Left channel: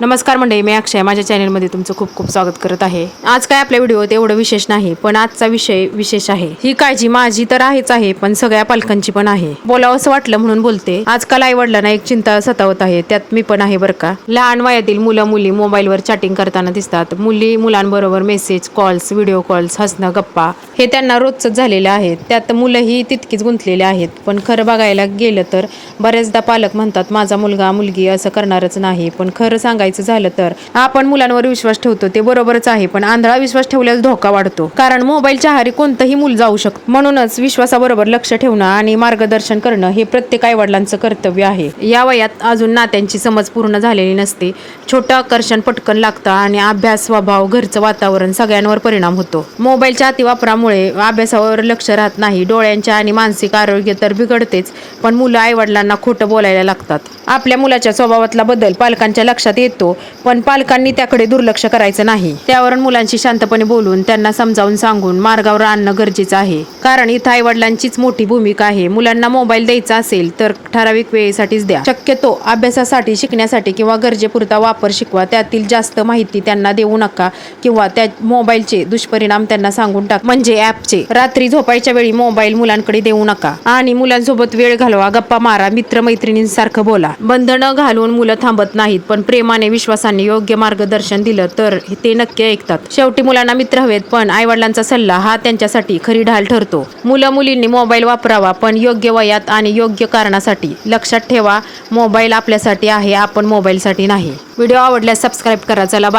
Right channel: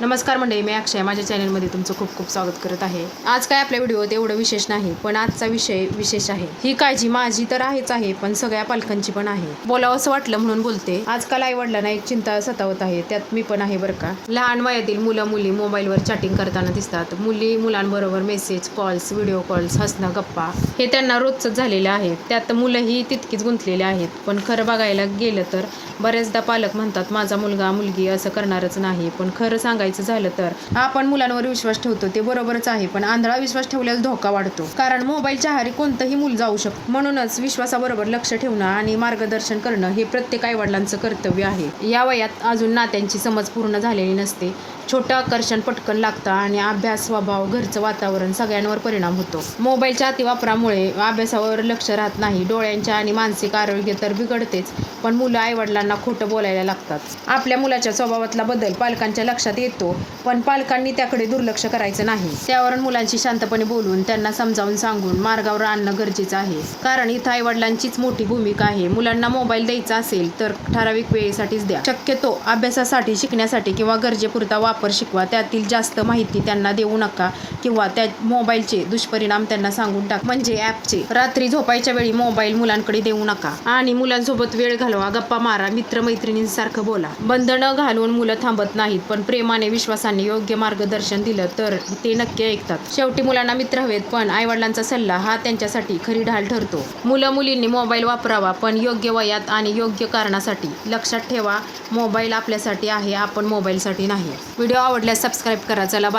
नमस्कार मंडळी, मी अक्षय माझ्या चॅनलमध्ये तुमचं खूप खूप स्वागत करत आहे. आज काय आपल्या व्हिडिओत एवढं विशेष नाही, पण आजचा विषय विशेष आहे. ही काळजी माझी तर आहेच आहे, पण सगळ्या पालकांची पण आहे. बोलावं असं वाटलं म्हणून बोलते. आजकाल आई वडिलांना एक चिंता सतावत आहे, त्यात मी पण आहे बरं का. लहान वयातील मुलं मुली मोबाईलवर चॅटिंग करताना दिसतात. मुलांबरोबर मेसेज, कॉल्स, व्हिडिओ कॉल्स, हसणं, गप्पा हे त्यांना रोजच झालेलं आहे. त्यात मुलंही तितकीच गुंतलेले आहेत. पण खरं बघायला गेलं तर बरेचदा पालक म्हणतात माझा मुलगा मुलगी असं करणारच नाही. पण खरं सांगायचं झालं तर आपण मुलांवर विश्वास ठेवतो ते बरोबरच आहे, पण आंधळा विश्वास ठेवल्यास धोका वाढतो. कारण मोबाईलच्या आहारी कोणतंही मूल जाऊ शकतं. म्हणूनच विश्वासाबरोबर लक्ष ठेवणं आणि मार्गदर्शन करणं हे प्रत्येक आई वडिलांचं कर्तव्य आहे. या वयात अजून नात्यांची समज पूर्ण झालेली नसते. छोटं आकर्षण पटकन लागतं आणि अभ्यास, स्वभाव, घरचं वातावरण सगळ्यांवर परिणाम होतो. मोबाईलच्या अतिवापरामुळे अभ्यासावर लक्ष राहत नाही. डोळ्यांचे आणि मानसिक आरोग्य तर बिघडतेच, पण मुलं आई वडिलांना खोटं बोलायला लागतात. आपल्या मुलाच्या स्वभावातला बदल पालकांच्या लक्षात येतो, पण पालकांनी त्याकडे दुर्लक्ष करायचं नाही. त्यावर मुलांशी शांतपणे बोलून त्यांना समजावून सांगून मार्गावर आणणं गरजेचं आहे. कारण इथं आई वडिलांचीच मोठी भूमिका आहे. मुलांना मोबाईल द्यायचा असेल तर ठराविक वेळेसाठीच द्या. शक्यतो अभ्यासासाठी, शिकण्यासाठी किंवा गरजेपुरता वापर शिकवा. त्यातील जास्त माहिती त्यांना देऊ नका किंवा त्या मोबाईलचे दुष्परिणाम त्यांना सांगून टाका. म्हणजे ॲपचे. रात्री झोपायच्या वेळी मोबाईल मुलांकडे देऊ नका आणि मुलांसोबत वेळ घालवा, गप्पा मारा, मित्रमैत्रिणींसारखं बोला. बंधनं घालून मुलं थांबत नाहीत, पण प्रेमाने, विश्वासाने योग्य मार्गदर्शन दिलं तर ते नक्की ऐकतात. शेवटी मुलांना मित्र हवेत, पण आईवडिलांचा सल्ला हा त्यांच्यासाठी खरी ढाल ठरतो. मुलं मुलींनी मोबाईल वापरावा, पण योग्य वयात आणि योग्य कारणासाठी. लक्षात ठेवा, मोबाईल आपल्यासाठी आहे, आपण मोबाईलसाठी नाही. व्हिडिओ आवडल्यास सबस्क्राईब करा. चला बाय.